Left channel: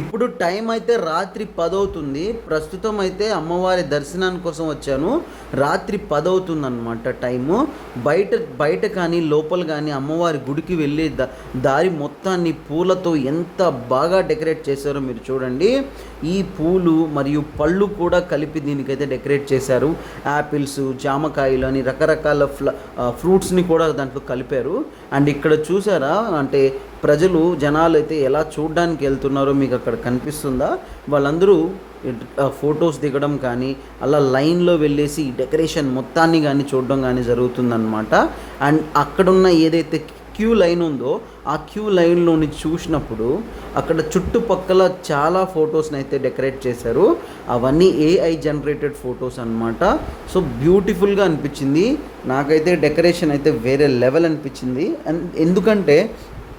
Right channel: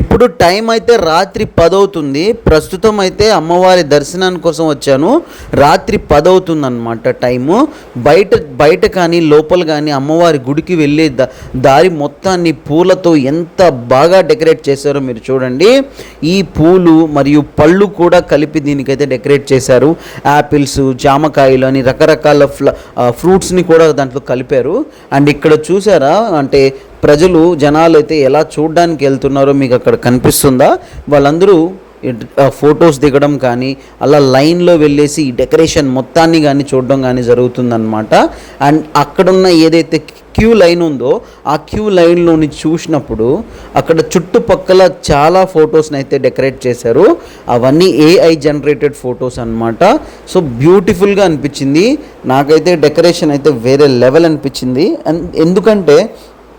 ఇప్పుడు టైం అయితే రాత్రి పదవుతుంది. ప్రస్తుతం అయితే అమ్మవారి దర్శనాని కోసం వచ్చాను. రాత్రి పదవుతుంది అనమాట టైము. బయట బయట కానీ లోపల కానీ అమ్మవారి గుడికి వెళ్ళే ద దారి మొత్తాన్ని పూలతో ఎంత బాగా డెకరేట్ చేశారో మీరు చూడండి. ఈ పూలు మరియు పళ్ళు కూడా కలిపి దీనికైతే డెకరేట్ చేశారు. యాపిల్స్ జామకాయలు అని రకరకాల ఫ్ల ఫ్రూట్స్ని కూడా దాంట్లో కలిపారు. అండ్ ఇక్కడ చూసారా అంటే ప్రజలు జనాలు అయితే ఎలా చూడడానికి వెళ్తున్నారో మీకు అక్కడ కనిపిస్తుందా? వాళ్ళందరూ ఫొటోస్ దిగడం కానీ అలా లైన్లో వెళ్ళేసి ఈ డెకరేషన్ మొత్తాన్ని కానీ చూడడం కానీ జరుగుతుందన్నమాట. అండ్ అక్కడున్న ఏదైతే క్యూ లైన్ ఉందో ఆ క్యూ లైన్లోని చూసినప్పుడు అక్కడ చుట్టుపక్కల చాలా ఫొటోస్ని అయితే డెకరేట్ చేశారు. అవన్నీ ఏఐ జనరేటెడ్ ఫొటోస్ అన్నమాట. సో బ్యూటిఫుల్గా అనిపించింది. నాకైతే డెకరేషన్ అయితే వేరే లెవెల్ అనిపించింది. అండ్ ఎందుకంటే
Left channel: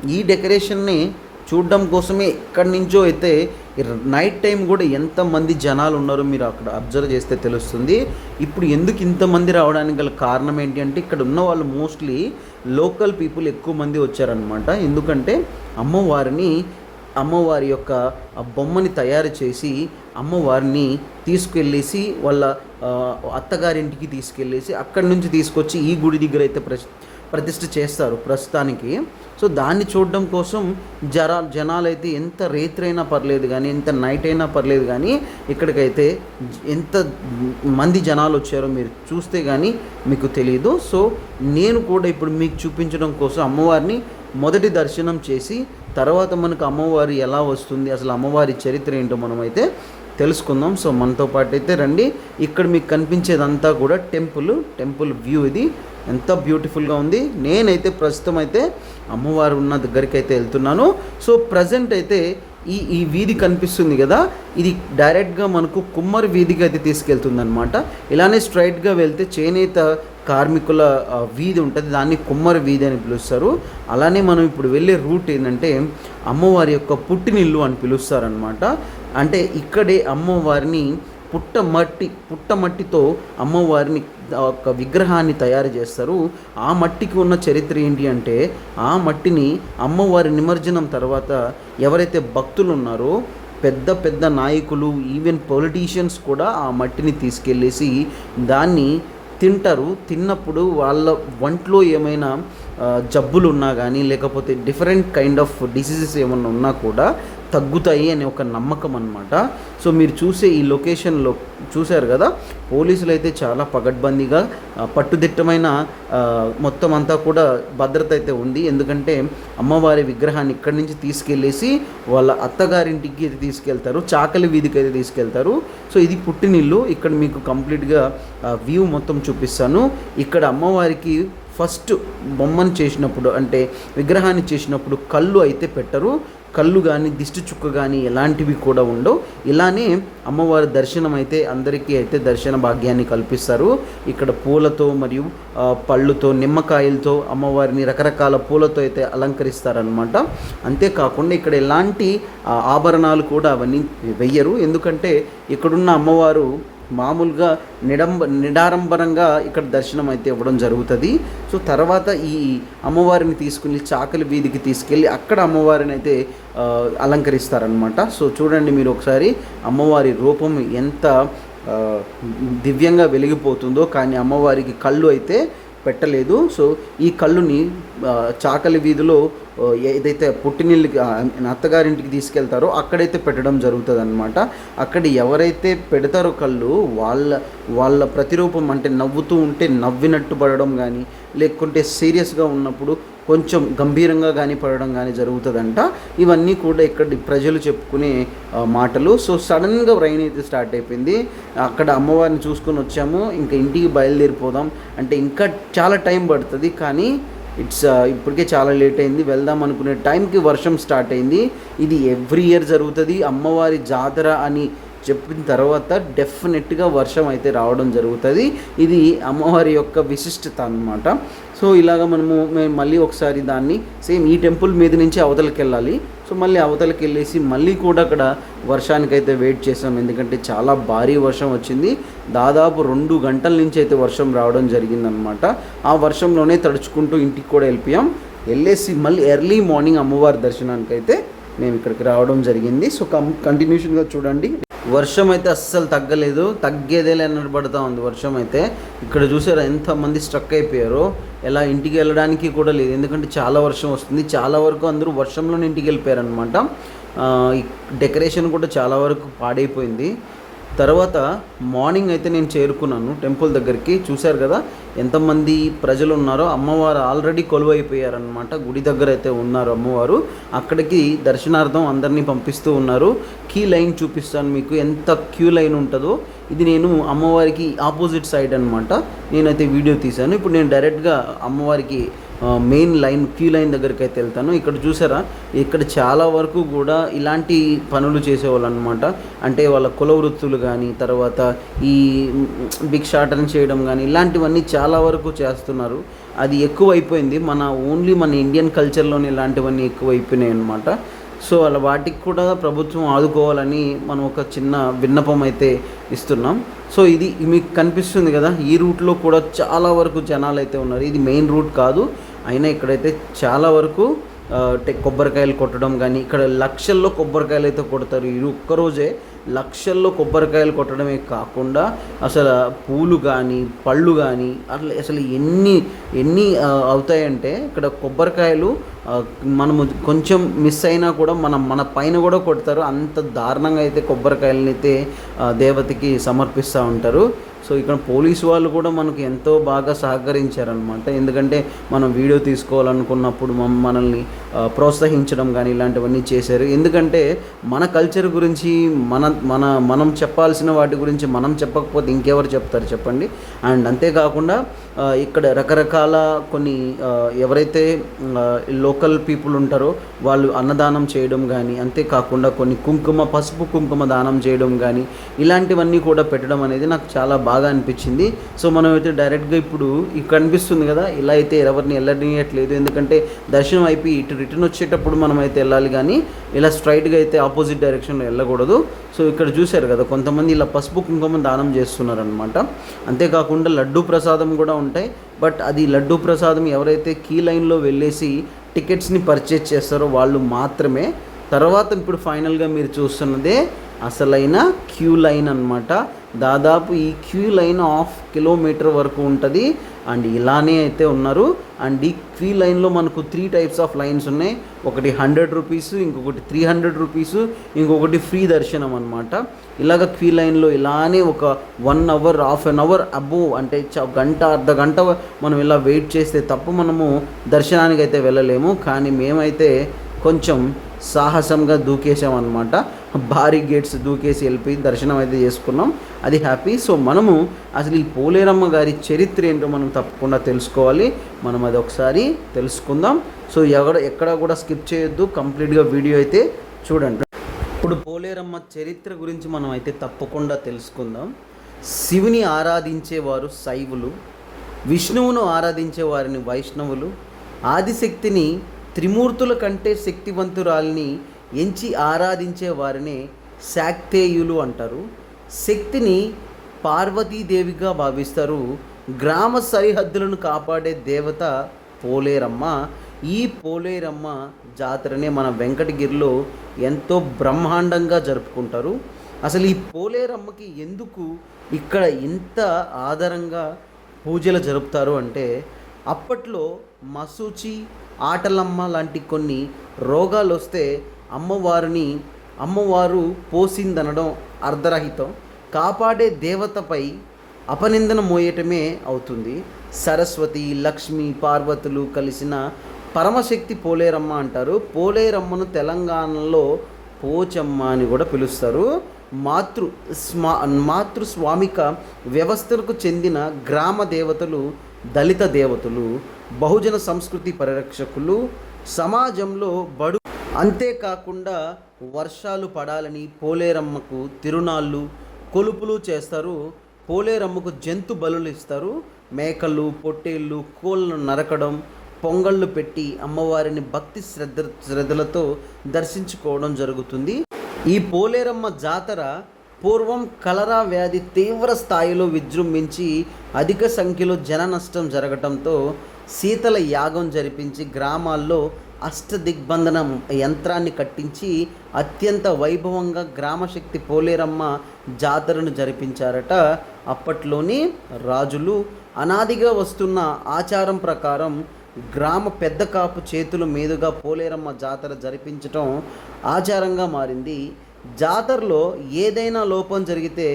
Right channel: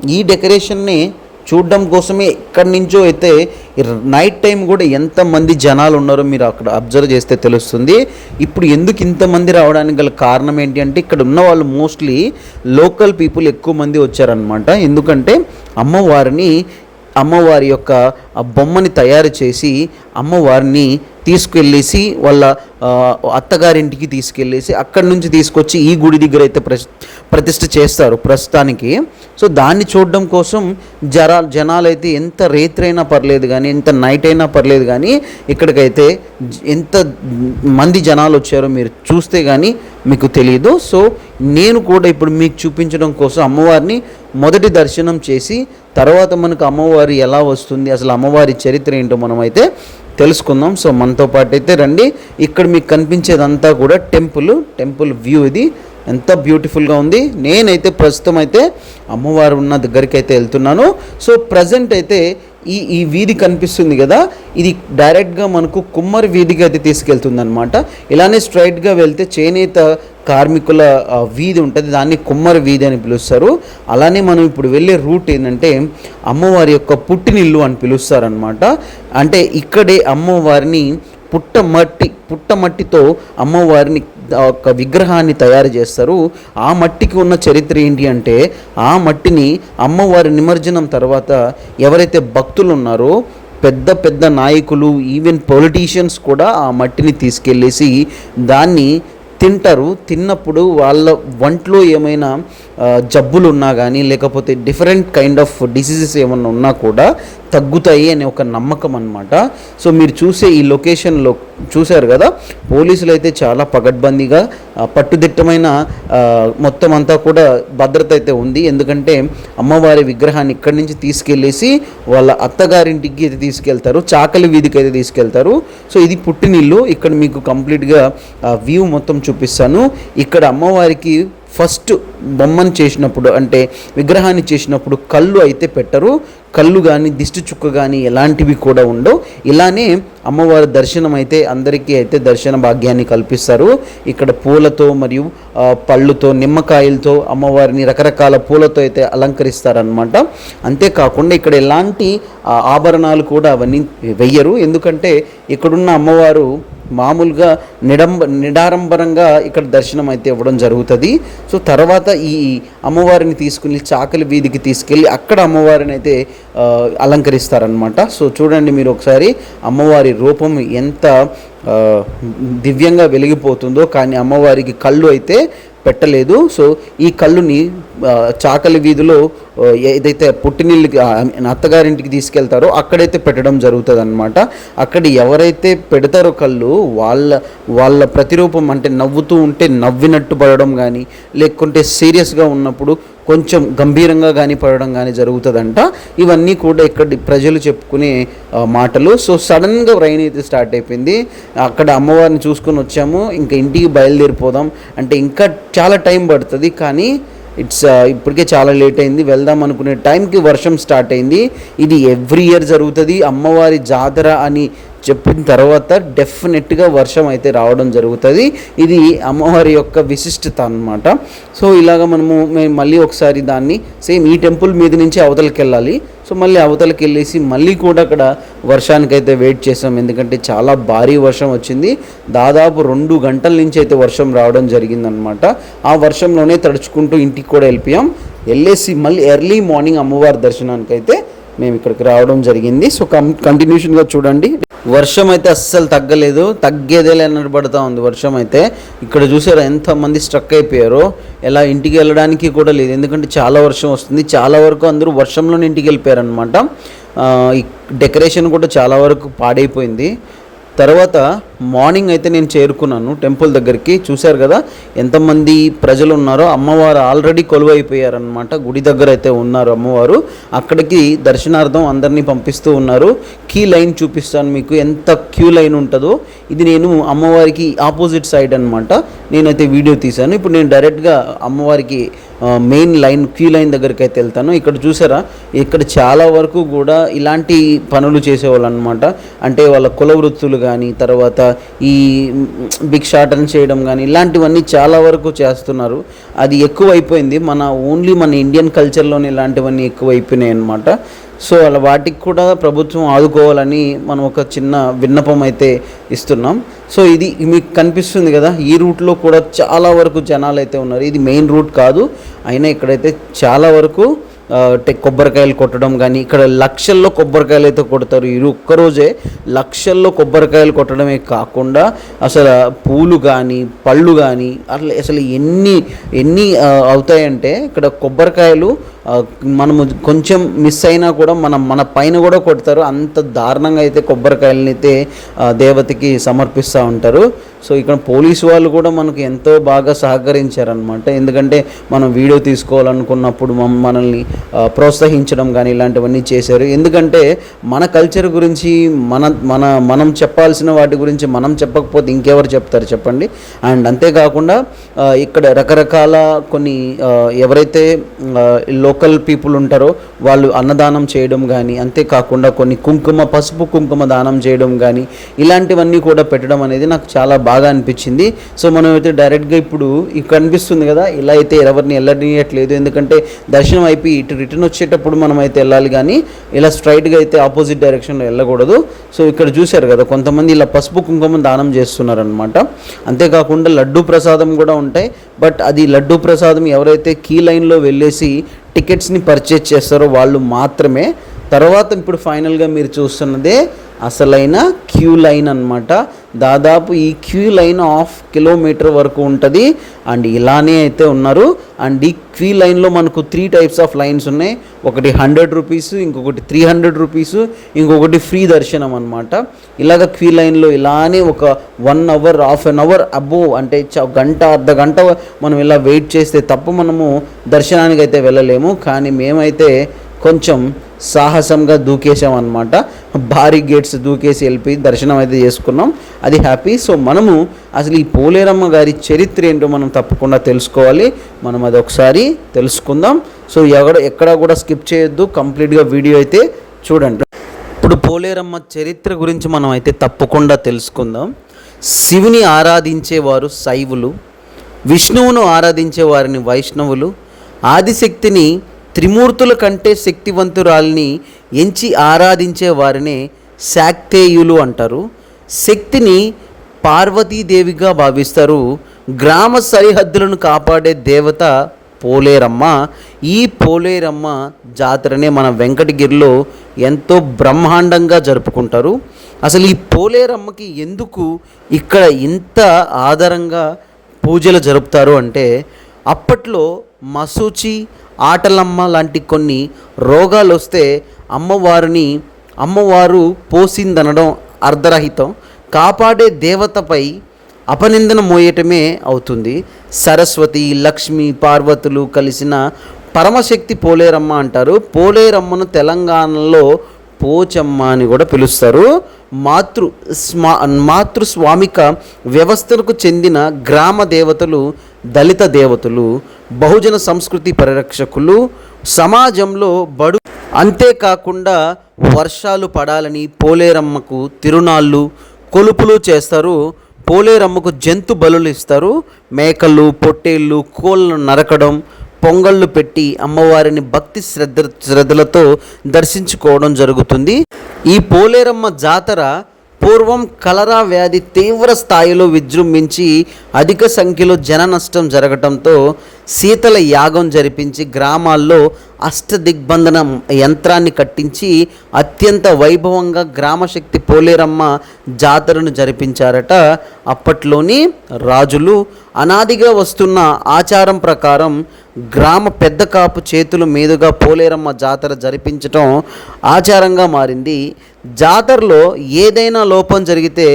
ఈ డెకరేషన్ని చూడడం కోసమే ఎక్కడి నుంచో అయితే నైట్ టైం కూడా ఎంతమంది జనాలు ఉన్నారో మీరు అక్కడ అబ్జర్వ్ చేస్తే తెలుస్తుంది. ఇప్పుడు ఎందుకు ఇంతమంది రావడానికి గల కారణం ఏంటి అంటే ఇక్కడ ఉన్న వాళ్ళు మోస్ట్లీ లోకల్ పీపుల్ ఎక్కువ మంది వచ్చారనమాట ఎందుకంటే అమ్మవారిని అమ్మవారి యొక్క ఆ బొమ్మని తయారు చేసి అమ్మవారిని తీసుకెళ్ళేసి వాళ్ళ అత్తగారింటికి తీసుకెళ్ళేసి అక్కడి నుంచి తీసుకొచ్చి ఈ గుడి దగ్గర అయితే ప్రస్ ప్రతిష్ఠ చేస్తారు ప్రస్తుతానికి. సో దాన్ని చూడడం కోసం జరా జనాలైతే ఎంత రేత్రైనా పర్లేదు కానీ ఎంత నైట్ అయినా పర్లేదు కానీ ఇక్కడికైతే ఎంత మంది జనాలు వచ్చారో మీరు చూస్తే కానీ మీకు తెలియదు సో నేను కూడా ఇప్పుడు మీకు చూపించడం కోసం అమ్మవారిని మొదటి దర్శనం చేసి తర్వాత మనకు అమ్మవారి ఎలా వస్తుంది అసలు అమ్మవారి చరిత్ర ఏంటో మనమైతే తెలుసుకుందాం. సో మనతో పాటు అయితే రండి. ఇక్కడ మీకు కనిపించేదంతా కూడా టెంపుల్ టెంపుల్ వ్యూ ఇది. ఎంత బ్యూటిఫుల్గా ఉంది. నేనైతే ప్రస్తుతం అయితే అమ్మవారు ఉన్న దగ్గరికి అయితే వెళ్తున్నాను. సో ప్రజెంట్ అయితే ఈ ఈ వీధి కనిపిస్తుంది కదా. ఇది డైరెక్ట్గా మనకు కుమ్మరి వీధికి అయితే తీసుకెళ్తుంది అనమాట ఇలానే స్ట్రైట్గా వెళ్తే చేనేత కార్మికుల వీధి ఉంటుంది దాన్ని కుమ్మరి వీధి అని పిలుస్తారు. అలానే మనం ఇప్పుడు వెళ్ళే రూట్ ఏంటంటే అమ్మవారి యొక్క పుట్టినిల్లు అని పిలుస్తారనమాట అంటే ఇక్కడే అమ్మవారిని పుట్టమట్టి పుట్టమట్టితో అమ్మవారిని ఒక విగ్రహాన్ని తయారు చేస్తారు. ఆ మట్టికి ఉన్న చరిత్ర ఏంటి అంటే ఆ మట్టిని అమ్మవారి నిమజ్జనం తర్వాత ఎవరైతే భక్తులు ఉన్నారో పెద్ద పెద్ద నాయకులు ఈవెన్ పొలిటీషియన్స్ కూడా ఆ మట్టిని తీసుకెళ్ళేసి దాన్ని తింటారు తిన్నప్పుడు వాళ్ళ వంటలో ఏమైనా జబ్బులు ఉన్నా కానీ లేకపోతే డిఫరెంట్ కైండ్ ఆఫ్ డిసీజెస్ ఏమైనా ఉన్నా కూడా తగ్గుతాయి అనే ఒక నమ్మకం అన్నమాట. సో మీరు చూసే ఈ లొకేషన్లో చూశారు కదా పోలీసులు అయితే చాలా పగడ్బందీగా పట్టుదిట్టమైన మొత్తం అంతా కూడా భద్రత అయితే ఉంది. ఎందుకంటే అమ్మవారి విగ్రహాన్ని ఇక్కడి నుంచి తీసుకెళ్ళేసి వాళ్ళ అత్తగారింటికి అయితే తీసుకెళ్తారు. చాకలి వీధికి అయితే తీసుకెళ్తారు. సో ఇది పుట్టినిల్లు. ఇక్కడ మీకు కంప్లీట్గా వ్యూ మొత్తం చూపిస్తాను. ఇక్కడ అమ్మవారికి ఫస్ట్ బొమ్మను చేసినప్పుడు అంటే విగ్రహాన్ని చేసినప్పుడు కళ్ళు అయితే పెట్టరు. కళ్ళు కానీ దిష్టి చుక్క కానీ ఎలాంటివి కూడా ఉండవు. ఇలానే అమ్మవారి దర్శనం అయితే అందరికీ అయితే దర్శన భాగ్యాన్ని కల్పిస్తారు. ఇక్కడ పూలతో మరియు పళ్ళుతో నిమ్మకాయలతో అమ్మవారిని రకరకాల పూలతో అయితే అలంకరిస్తారనమాట అంతేకాకుండా ఇక్కడ ఎలాంటి ఆభరణాలు కూడా అవన్నీ వెయ్యరు. ఎందుకంటే ఇక్కడున్న అమ్మవారు మామూలుగా నిడంబ నిడారంబరంగా ఇక్కడ దర్శనం అయితే ఇవ్వడం జరుగుతుంది. సో తర్వాత ఈ అమ్మవారిని తీసుకుని చాకలి వీధికి తీసుకెళ్ళి అక్కడ అమ్మవారిని అయితే అలంకరిస్తారనమాట సో చూడండి మీరు ఒకసారి అమ్మవారి రూపం ఎంత దివ్యంగా వెలిగిపోతుందో కానీ అమ్మవారికి కళ్ళు అయితే పెట్టలేదు. సో ఈ కళ్ళుని చాకలి వీధిలో ఏదైతే పుట్టినిల్లుకి అత్తగారింటికి తీసుకెళ్తారో అక్కడైతే పెట్టడం జరుగుతుంది అనమాట అక్కడ ఎవరైతే పెడతారో కళ్ళు వాళ్ళ వాళ్ళ ప్రతిరూపం అంటే నవ్వుతూ ఉంటే నవ్వినట్టు పడడం కానీ లేకుంటే సీరియస్గా ఉన్నప్పుడు కొంచెం గంభీరంగా కానీ పడడం కానీ జరుగుతుందంట. ఇవన్నీ కూడా ఇక్కడ ప్రజలు చెప్పుకునే మాటలు. సో సడన్గా రైన్ అయితే స్టార్ట్ అయిపోయింది. అక్కడ అమ్మవారిని చూసుకొని వచ్చాము. ఇంకా ఇంటికి బయలుదేరిపోదాం. అంటే ఇంకా చాలా టైం పడుతుంది. కానీ ఇట్స్ uh, ఇప్పటికే చాలా లేట్ అయింది. వెళ్దాం అనుకునే టైంకి వర్షం స్టార్ట్ అయింది. ఇది ఎవ్రీ ఇయర్ జరుగుతుంది. అమ్మవారి జాతర అని చెప్పిన తర్వాత డెఫినెట్గా వర్షం అయితే రావడం జరుగుతుంది. ఇది అమ్మవారి యొక్క విశిష్టత అన్నమాట. సో ఇలాగ మనము మేము మళ్ళీ ఒకసారి దాన్ని సేమ్ ఈ టెంపుల్ మీద నుంచి అవతలకి వెళ్ళాలి సో మళ్ళీ అవతలకి వెళ్ళేసి మళ్ళీ కూడా అక్కడ వర్షానికైతే వెయిట్ చేసాం. ఎందుకంటే చాలా భారీ వర్షం వచ్చింది. దాదాపు రెండు గంటల నుంచి అయితే వర్షం రావడం జరిగిందనమాట ఆ వర్షంలోనే తడుచుకుంటూ ఇంటికి కూడా వెళ్ళిపోయాం. వెళ్ళేసి మళ్ళీ ఎర్లీ మార్నింగ్ అమ్మవారి దర్శనానికి అయితే మేము ఇక్కడికి రావడం జరిగింది. సో కం కంటిన్యూషన్గా చూడండి. వర్షం అయితే అస్సలు తగ్గలేదు తగ్గేదేలా అన్నట్టు పడుతూ ఉంది వర్షం అయితే ఇక్కడ చూసారా ఎంతమంది స్ట్రక్ అయిపోయారో. ఎలా ఇంటికి వెళ్ళడానికి కూడా లేదు. ఎందుకంటే చాలా వర్షం వస్తుంది. చాలా వరకు అందరూ వర్షంలోనే ఇంటికి వెళ్ళిపోయారనమాట డెకరేషన్ కూడా చాలా వరకు పాడైపోయింది. తర్వాత మార్నింగ్ అయితే నేను చేరుకున్నాను టెంపుల్ దగ్గరికి. చూశారు కదా ఎంతమంది ప్రజలు ఉన్నారో అమ్మవారు ఆల్రెడీ కొలువైపోయారనమాట గుడి దగ్గర అయితే ఉన్నారు అమ్మవారు. అక్కడికి దర్శనార్థం అందరినీ పంపిస్తూ ఉన్నారు. క్యూ లైన్ చూపిస్తాను మీకు ఎంత క్యూ లైన్ ఉంటుందో. ఇది నేను అమ్మవారికి ఆపోజిట్ సైడ్ అనమాట నేనైతే వీడియో తీశాను. ఇప్పుడు నేను డైరెక్ట్గా అమ్మవారికి మెయిన్ లైన్ క్యూ లైన్ దగ్గరికి అయితే వెళ్తాను. ఇక్కడ చూసారా? ఇక్కడ చాలా వరకు కూడా ఇలాంటి పనులు చేసేవాళ్ళు అనమాట అంటే వాళ్ళ కుల వృత్తులు కానీ తర్వాత ఈ భిక్షాటన చేయడం కానీ ఇలాంటివన్నీ చాలా వరకు చేస్తున్నారు. అది ఎక్కువ అయిపోయింది మన ఓన్లీ మన ఇండియన్ కల్చర్లోనే ఇలాంటివన్నీ ఎక్కువ అయిపోయినాయి అనమాట సో అలా వాటికి కూడా ప్రభుత్వం ఆదుకోవాలని మనం ఒక చిన్న విన్నపం అయితే ఇస్తున్నాం. సో ఇది మీకు కనిపిస్తుంది కదా ఈ రూట్లో కూడా చాలా వరకు జనాలు అయితే ఉన్నారు. ఇది మెయిన్ రూట్ కాదు అయినా ఇక్కడైతే చాలా వరకు అంటే కొబ్బరికాయలు కొట్టడం కానీ ఇక్కడ లక్షల్లో కొబ్బరికాయలు అయితే కొడతారు. ఈ ఒక్కరోజే లక్షల్లో కొబ్బరికాయలు కొట్టడమే కాకుండా అసలు పూలు కానీ పళ్ళు కానీ అట్లా అసలు ఎన్ని ఎన్ని అవుతాయంటే ఇక్కడ కొబ్బరికాయలు మనము కొంచెం మిస్ అయినా కూడా మనం మన పైన కూడా కొడతారు. అంత దారుణంగా అయితే కొబ్బరికాయలని అయితే దేవతకి సమర్పిస్తూ ఉంటారు. సో ఇక్కడ పోలీసు వాళ్ళు కూడా మనకు ఎంతో బాగా సహకరించారనమాట ఎందుకంటే మనం వీడియో తీసుకోవాలనుకున్నప్పుడు మమ్- మనల్ని ప్రోత్సహించడం కానీ ఇలాంటివన్నీ చేశారు. ఎందుకంటే మన కల్చర్ గురించి మన మన మనం చెప్పాల్సిన వాటి గురించి మనం చెప్పకపోతే ఇంకెవరు చెప్తారు చెప్పండి. అండ్ అంతేకాకుండా ఇక్కడ రకరకాల కొన్ని ఎవరైతే లో లోకల్ పీపుల్ ఉంటారో వాళ్ళు అన్నదానం చేయడం కానీ అంతేకాకుండా కొన్ని కుంకుమ పసుపు కుంకుమ దానం చేయడం కానీ ఇలాంటివన్నీ కూడా పెట్టడం అనేది నాకు చాలా బాగా అనిపించింది. సో మనం అయితే డైరెక్ట్గా ఇప్పుడు కనిపిస్తుంది కదా ఇలా అయితే ఎవరిని వెళ్ళనియట్లేదు ఎందుకంటే దర్శనం అయిపోయి ఇటు రిటర్న్ వచ్చేటప్పుడు మనం అయితే వెళ్ళాలి కానీ ఇలా స్ట్రైట్గా అయితే ఆపోజిట్ డైరెక్షన్లో వెళ్ళకూడదు. సో ఇక్కడ చూశారు కదా కొంతమంది ఇలా పసుపు కుంకుమ దానం చేస్తున్నారనమాట అంతేకాకుండా లడ్డు ప్రసాదం కూడా ఉంటాయి. బట్ అది లడ్డు ప్రసాదం ఎవరైతే కీ లైన్లో వెళ్ళేసి టికెట్స్ని పర్చేజ్ చేస్తారో వాళ్ళు మాత్రమే. తర్వాత ఇప్పుడు ఫైనల్గా మీరు చూస్తున్నదే అసలైన క్యూ లైన్ అన్నమాట. దాదాపు ఈ క్యూ లైన్ హాఫ్ కిలోమీటర్ వరకు ఉంటుంది. అండ్ ఇలానే అయితే ఉన్నారు. అండ్ ఈ క్యూ లైన్లో మనకు త్రీ టైప్స్ ఆఫ్ లైన్స్ ఉన్నాయి. ఒకటి హండ్రెడ్ రూపీస్ ఇంకొకటి త్రీ హండ్రెడ్ రూపీస్ ఇంకొకటి ఫ్రీ దర్శనం అనమాట ఇలాగ క్యూ లైన్లో ఇలానే ఒక one hour half an hour above అంటే చ- గంట అర్ధ గంట మనం ఇలా వెయిట్ చేస్తే తప్ప మనము దర్శనానికి అయితే వెళ్ళలేము. కానీ మేమైతే కొంచెం సాహసంగా దూకేసాం అనమాట భారీ గేట్స్ దూకేసి వెళ్ళిపోయి దర్శనం అయితే చేసుకున్నాం. అది హ్యాపీ. సో మనము అసలు ఈ పోలేరమ్మ గారి చరిత్ర ఏంటో మనం తప్పకుండా తెలుసుకోవాలి. మనం అది ఒకసారి తెలుసుకుందాం. సో ఎక్కడ ఎక్కడ కూడా స్కిప్ చేయొద్దు. కంప్లీట్గా వీడియో అయితే చూడండి. ఇప్పుడు పోలేరమ్మ చరిత్ర గురించి మనం అయితే తప్పకుండా తెలుసుకుందాం. శివుని ఆరాధించేవారు శైవులు విష్ణువును ఆరాధించే వారిని వైష్ణవులు ఆదిశక్తిని త్రిమూర్తుల కంటే శక్తివంతురాల్ని ఎంచి ఆరాధించే వారినే శాక్తేయులు అంటారు. శక్తిని పార్వతీదేవిగా భావిస్తారు. గ్రామ సరిహద్దులను కాపాడే దేవత పోలేరమ్మ. ఈ పోలేరమ్మ జాతరనే మన వెంకటగిరిలో ఎంతో బ్రహ్మాండంగా జరుపుకుంటారు. అసలు ఈ పోలేరమ్మకి ఎందుకు ఇక్కడ ఇంత ఆధారంగా పూజలు జరుపుతారు అంటే అప్పట్లో మసూచి ఆటలమ్మ లాంటి కొన్ని రోగాలు వస్తే అమ్మవారిని అమ్మవారు పోసిందనడం అర్ధరహితం. కాపాడే దేవతపై అపనిందన మోయటమే అవుతుంది. సరస్వతి లక్ష్మి పార్వతులు కలిసిన పరమశక్తి పోలేరమ్మ అంటారు. పోలేరమ్మను తెలంగాణలో పోచమ్మ అని కూడా పిలుస్తారు. మాతృ స్మా మాతృస్వామిక వ్యవస్థలకు చెందిన గ్రామ దేవతలు దళిత దేవతలు బహుజన సంస్కృతి పరిరక్షకులు సమాజంలో బడు అంతేకాకుండా వర్షాలు పడాలని పోలేరమ్మకు తిరునాళ్ళు కొలుపులు చేస్తారు పోలేరమ్మకు జంతు బలులు ఇస్తారు మేకలు పొట్టేళ్ళు కోళ్ళను నరకడం పొంగళ్ళు పెట్టి అమ్మవారిని భక్తి శ్రద్ధ శ్రద్ధలతో దర్శించుకోవడం జరుగుతుంది. ఈ పోలేరమ్మ జాతర పూర్వం కలరా వ్యాధి తీవ్ర స్థాయిలో విజృంభించి అధిక సంఖ్యలో జన నష్టం జరగటంతో శీతల యాగం జరిపించి గ్రామాల్లో అష్టదిగ్బంధన యంత్రాన్ని కట్టించి అత్యంత వైభవంగా గ్రామశక్తి పోలేరమ్మ జాతరను జరిపించారట. అప్పట్లోని రాజులు అనాదిగా వస్తున్న ఆచారం ప్రకారం గ్రామ పెద్ద కాపు చేతుల మీదుగా పోలేరమ్మ జాతర జరిపించటం ఆచారంగా మారింది. జాతరలో ఏదైనా లోపం జరిగితే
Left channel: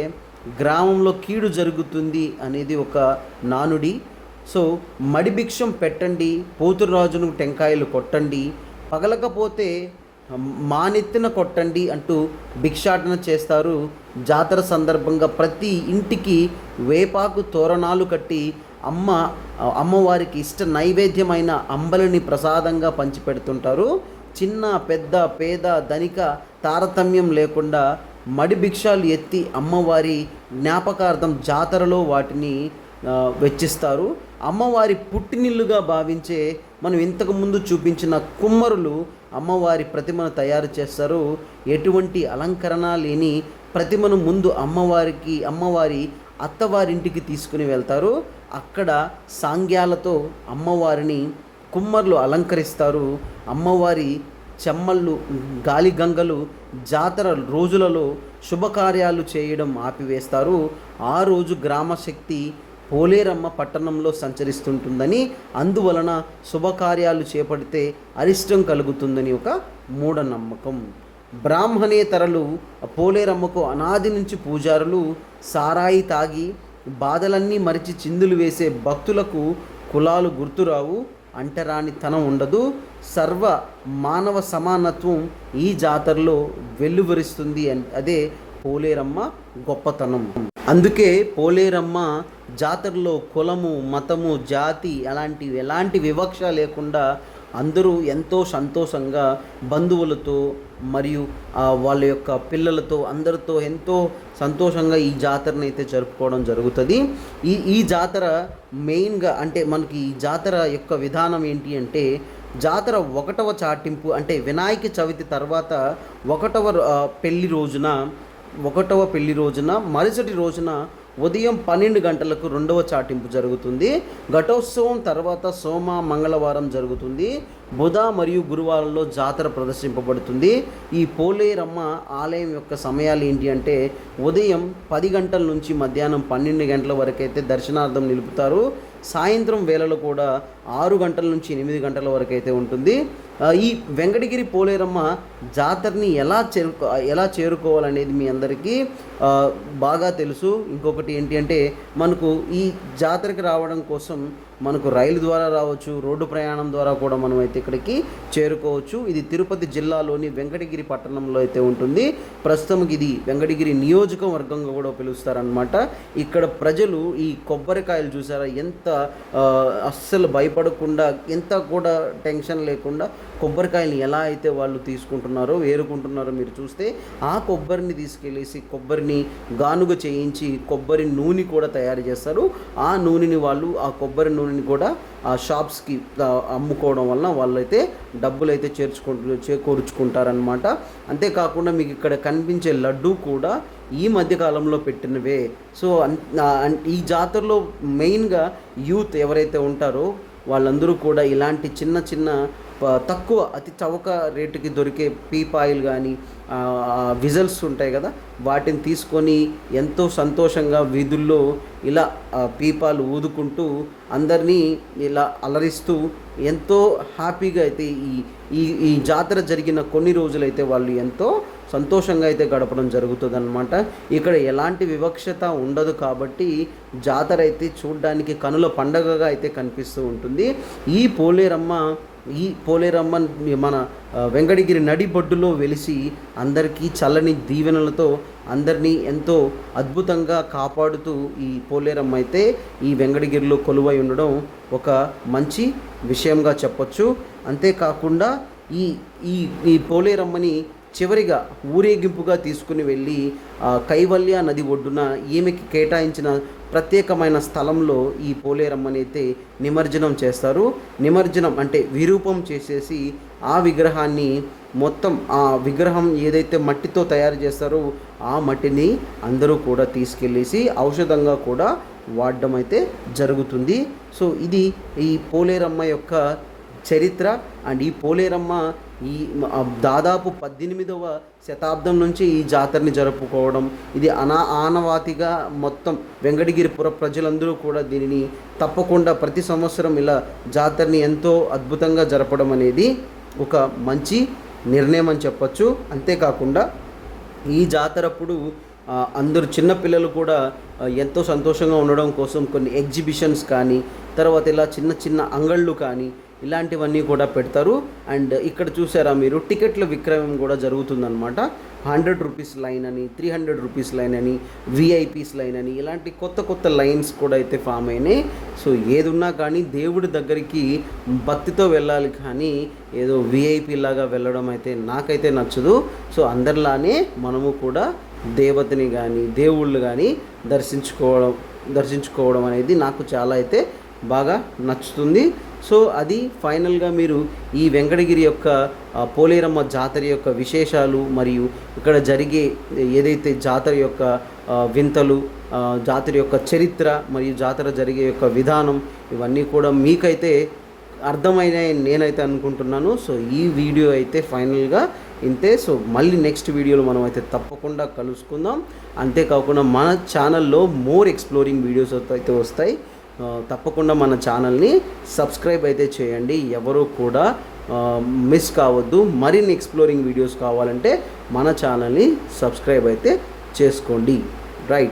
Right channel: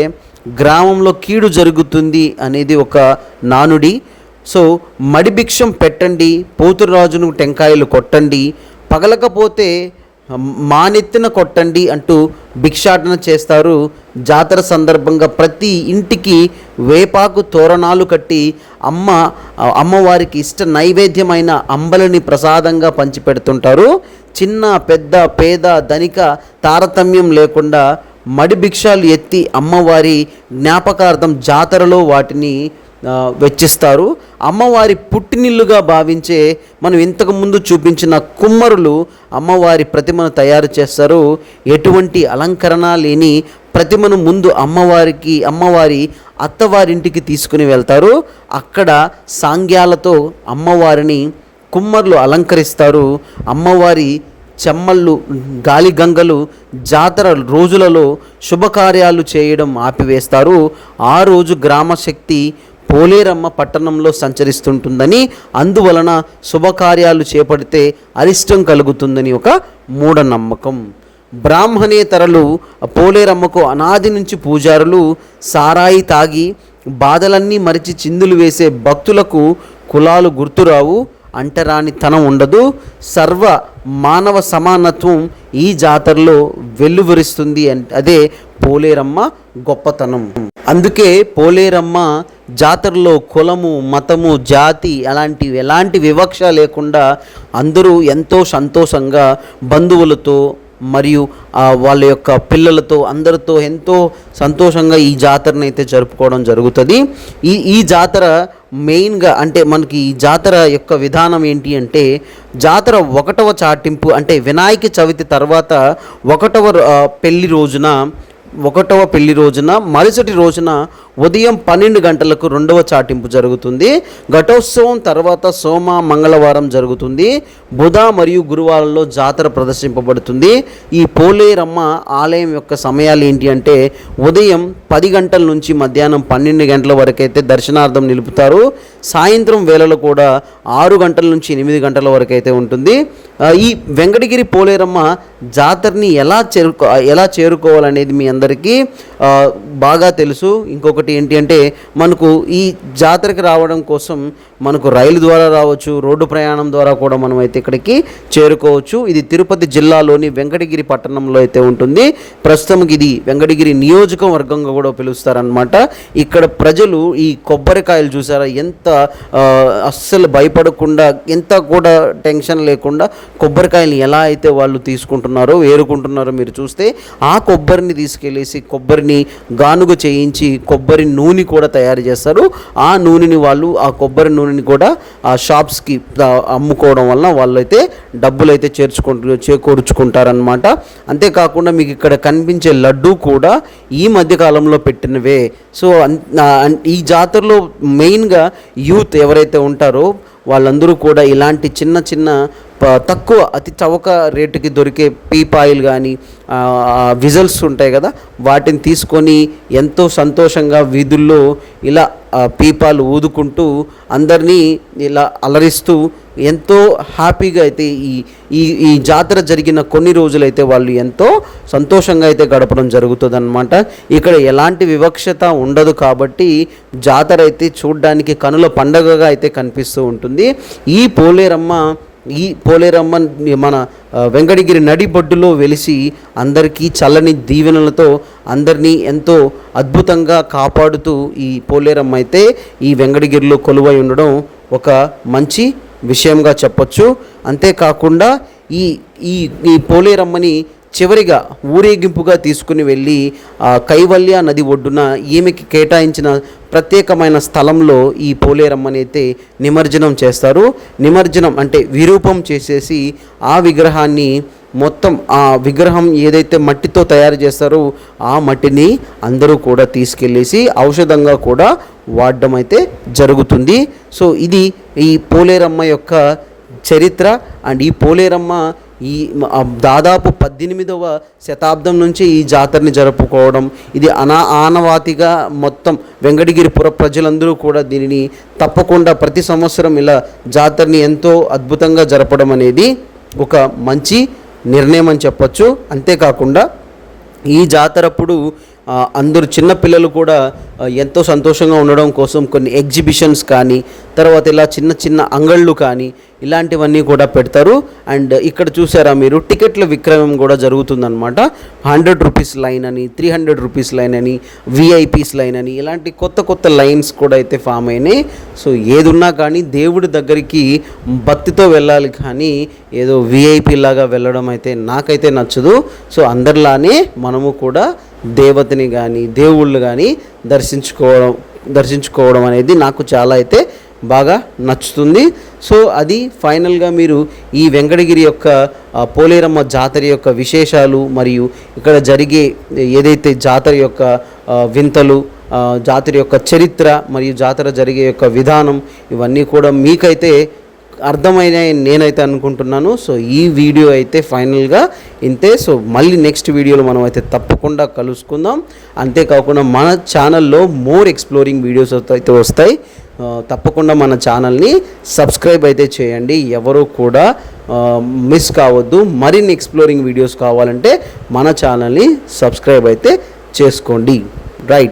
గ్రామంలో కీడు జరుగుతుంది అనేది ఒక నానుడి. సో మడిభిక్షం పెట్టండి పోతురాజును టెంకాయలు కొట్టండి పగలకపోతే మానెత్తిన కొట్టండి అంటూ భిక్షాటన చేస్తారు. జాతర సందర్భంగా ప్రతి ఇంటికి వేపాకు తోరణాలు కట్టి అమ్మ అమ్మవారికి ఇష్ట నైవేద్యమైన అంబలిని ప్రసాదంగా పంచిపెడుతుంటారు. చిన్న పెద్ద పేద ధనిక తారతమ్యం లేకుండా మడి భిక్షాలు ఎత్తి అమ్మవారి జ్ఞాపకార్థం జాతరలో వాటిని వెచ్చిస్తారు. అమ్మవారి పుట్టినిల్లుగా భావించే మనం ఇంతకు ముందు చూపించిన కుమ్మరులు అమ్మవారి ప్రతిమను తయారు చేస్తారు. ఎటువంటి అలంకరణ లేని ప్రతిమను ముందు అమ్మవారికి అమ్మవారి అత్తవారింటికి తీసుకుని వెళ్తారు. అక్కడ సాంగ్యాలతో అమ్మవారిని కుమ్మర్లు అలంకరిస్తారు. అమ్మవారి చెమ్మళ్ళు గాలి గంగలు జాతర రోజులలో శుభకార్యాలు చేయడం ఆపివేస్తారు. ఆ రోజు గ్రామశక్తి పోలేరమ్మ పట్టణంలో సంచరిస్తుంటుందని అందువలన శుభకార్యాలు చేపడితే అరిష్టం కలుగుతుందని ఒక మూఢనమ్మకం. బ్రాహ్మణేతరలు పోలేరమ్మకు అనాది నుంచి పూజారులు సారాయి తాగి బాధలన్నీ మరిచి చిందులు వేసే భక్తులకు కులాలు గుర్తురావు అంటరాని తనం ఉండదు. సర్వ మానవ సమానత్వం ఈ జాతరలో వెల్లువరిస్తుంది అన్- అదే పోలేరమ్మ గొప్పతనం. అందుకే పోలేరమ్మ జాతరలో కులము మతము జాతి అలాంటి ఎలాంటి వివక్ష లేకుండా అందరూ ఎంతో సంతోషంగా బంధువులతో మరియు వాళ్ళ యొక్క పిల్లలతో అందరితో ఎంతో సంతోషంగా ఈ జాతరను అయితే జరుపుకోవడం జరుగుతుంది. ఈ ఈ జాతర మెయిన్గా అంటే మనకి ఈ జాతర యొక్క విధానం ఏంటి అంటే జాతర ఒకటవ చాటింపు అంటే వినాయక చవితి తర్వాత ఒకటవ పెళ్ళి రోజున ఒకటవ పెళ్ళి రోజున మరుసటి రోజున ఉదయం పన్నెండు గంటలకు రెండవ చాటింపు జరుగుతుంది. ఘటోత్సవం తర్వాత సోమ మంగళవారం జరుగుతుంది. బుధ మరియు గురువారంలో జాతర ప్రదర్శింపబడుతుంది. ఈ పోలేరమ్మ ఆలయం యొక్క సమయాలు ఏంటి అంటే ఉదయం పది గంటల నుంచి మధ్యాహ్నం పన్నెండు గంటల వరకైతే దర్శనార్థం నిలుపుతారు. సాయంత్రం వేళలో కూడా ఆరు గంటల నుంచి ఎనిమిది గంటల వరకు అయితే ఉంటుంది ఈ వెంకటగిరి పోలేరమ్మ జాతరని ఎలా చేరుకో ఎలా చేరుకోవాలనేది మీ అందరికీ బాగా తెలుసు. ఇంకొకటి ఏంటి అంటే మనకు ఈ జాతరకి రావడం కోసం మనకు రైలు ద్వారా రావచ్చు రోడ్డు ప్రయాణం ద్వారా కూడా మనం అయితే ఇక్కడికి చేరుకోవచ్చు. ఇది తిరుపతి జిల్లాలోని వెంకటగిరి పట్టణంలో అయితే ఉంటుంది. ప్రస్తుతం ఇది వెంకటగిరి నియోజకవర్గంగా కూడా పిలుస్తారనమాట ఇక్కడ ప్రజలు ఈ కొబ్బరికాయలు చూసారా? ఎంత అస్సలు భయపడకుండా ఎంత కూడా టెన్షన్ లేకుండా కొబ్బరికాయలు ఎలా అయితే వాళ్ళు తీసుకుంటున్నారో ఏరుకుంటున్నారో మీరు చూస్తే ఆ కొబ్బరిని తీసుకెళ్ళేసి కొబ్బరిని గానుగ చేయించి కొబ్బరి నూనె కూడా తయారు చేస్తారు. ఆ నూనెని వాళ్ళు ఆ కొబ్బరి నూనె వస్తువులని కూడా ఆ షాప్స్కి అమ్ముకోవడం వలన వాళ్ళు అయితే డబ్బులు అయితే చేర్చుకుంటు చేకూర్చుకుంటారనమాట అంతేకాకుండా మీకు ఇక్కడ కనిపించే లడ్డు కూడా ఈ మధ్యకాలంలో పెట్టినవే. సో ఈ జాతరలో మెయిన్గా యూత్ ఎవరైతే ఉంటారో వాళ్ళందరూ కూడా ఇలాంటి చిన్న చిన్న తక్కువ అతి చవక రేటుకి దొరికే పీపాయిల్ కానీ విజల్స్ ఉంటాయి కదా వాటిని తీసుకొని ఎంతో సంతోషంగా వీధుల్లో ఇలా పీపాలు ఊదుకుంటూ అందరినీ ఇలా అలరిస్తూ ఎంతో హ్యాపీగా అయితే ఈ ఈ ఈ జాతర జరిగిన కొన్ని రోజులైతే వాళ్ళు ఎంతో సంతోషంగా అయితే గడపడం జరుగుతుంది ఇక్కడ ఎలాంటి వివక్షత ఉండదు కాబట్టి జాతర అయితే చూడడానికి కనుల పండగగా అయితే కనిపిస్తూ ఉంటుంది. ఈ పోలేరమ్మ ఈ పోలేరమ్మన్ మన వెంకటగిరి నడిబొడ్డులో వెలిసి అందరికీ చల్లని దీవెనలతో అందరినీ ఎంతో అద్భుతంగా కాపాడుతూ ఈ పోలేరమ్మ అయితే ఈ వెంకటగిరిలో కొలువై ఉండడం ఒక మంచి విషయంగా చెప్పొచ్చు. అంతేకాకుండా ఈ ఈ ఈ పోలేరమ్మని చివరిగా ఊరేగింపుగా తీసుకుని వెళ్ళి ఆ కైవల్య నది ఒడ్డున ఈమెకి కేటాయించిన ప్రత్యేకమైన స్థలంలో ఈ పోలేరమ్మని అయితే నిమజ్జనం చేస్తారు. నిమజ్జనం అంటే విరూపం చేసేసి ఆ విగ్రహాన్ని మొత్తం ఆ విగ్రహం ఏదైతే మట్టితో తయారు చేస్తారో ఆ మట్టిని అందరూ కూడా తీసుకెళ్ళేసి ఔషధంగా కూడా వాడడం అయితే జరుగుతుంది. సో ఇది ఈ పోలేరమ్మ యొక్క చరిత్ర. అండ్ ఈ పోలేరమ్మ ఈ దాదాపు పద్దెనిమిదవ శతాబ్దం నుంచి ఈ జాతరని జరుపుకోవడం ఇది అనా ఆనవాతిగా మొత్తం వెంకటగిరి పుర ప్రజలందరూ కూడా దీనిని తప్పకుండా ప్రతి సంవత్సరం ఇలా జాతరని ఎంతో అద్భుతంగా జరపడం అనేది ఒక మంచి నిర్ణయం అని చెప్పొచ్చు. అంతేకాకుండా ఈ జాతరప్పుడు అందరూ చిన్నపిల్లలు కూడా ఎంతో సంతోషంగా ఉండడం కోసం కొన్ని ఎగ్జిబిషన్స్ కానీ తర్వాత ఇలా చిన్న చిన్న అంగళ్ళు కానీ ఇలాంటివన్నీ కూడా పెడతారు. అండ్ ఇక్కడ చూసారా మీరు టికెట్ల విక్రయం కూడా జరుగుతుందన్నమాట. హండ్రెడ్ రూపీస్ లైన్ అని త్రీ హండ్రెడ్ రూపీస్ లైన్ అని విఐపీస్ లైన్ అని ఇలాంటి కొత్త కొత్త లైన్స్ కూడా అయితే ఫామ్ అయినాయి. సో ఏదున్నా కానీ దేవుడి దగ్గరికి భక్తితో వెళ్ళాలి కానీ ఏదో విఐపీ లాగా వెళ్ళడం అయితే నాకైతే నచ్చదు. సో అందరిలానే మనము కూడా దేవతని కానీ దేవుళ్ళు కానీ దర్శించుకోవడం దర్శించుకోవడం అనేది నాకు చాలా అయితే బాగా నచ్చుతుంది. సో అది ఫైనల్గా మీరు ఈ వెంకటగిరి యొక్క పోలేరమ్మ జాతర యొక్క విశేషాలు మరియు ఇక్కడ జరిగే ఏదైతే జాతర యొక్క వింతలు జాతర యొక్క చరిత్ర మరియు జాతర జరిగే యొక్క విధానం ఇవన్నీ కూడా మీకైతే అర్థమైన నేనైతే అనుకుంటున్నాను. సో ఈ వీడియో అయితే ఫైనల్గా ఇంతే. సో మళ్ళీ నెక్స్ట్ వీడియోలో మనం అయితే తప్పకుండా కలుసుకుందాం. అంతేకాకుండా మన ఛానల్లో మోర్ ఎక్స్ప్లోరింగ్ వీడియోస్ అయితే వస్తాయి. తప్పకుండా మన ఛానల్ని సబ్స్క్రైబ్ అయితే చేయండి. ఎవరు కూడా మిస్ కావద్దు. మరిన్ని ఎక్స్ప్లోరింగ్ వీడియోస్ కావాలంటే మన ఛానల్ని సబ్స్క్రైబ్ అయితే చేసుకోండి. రైట్.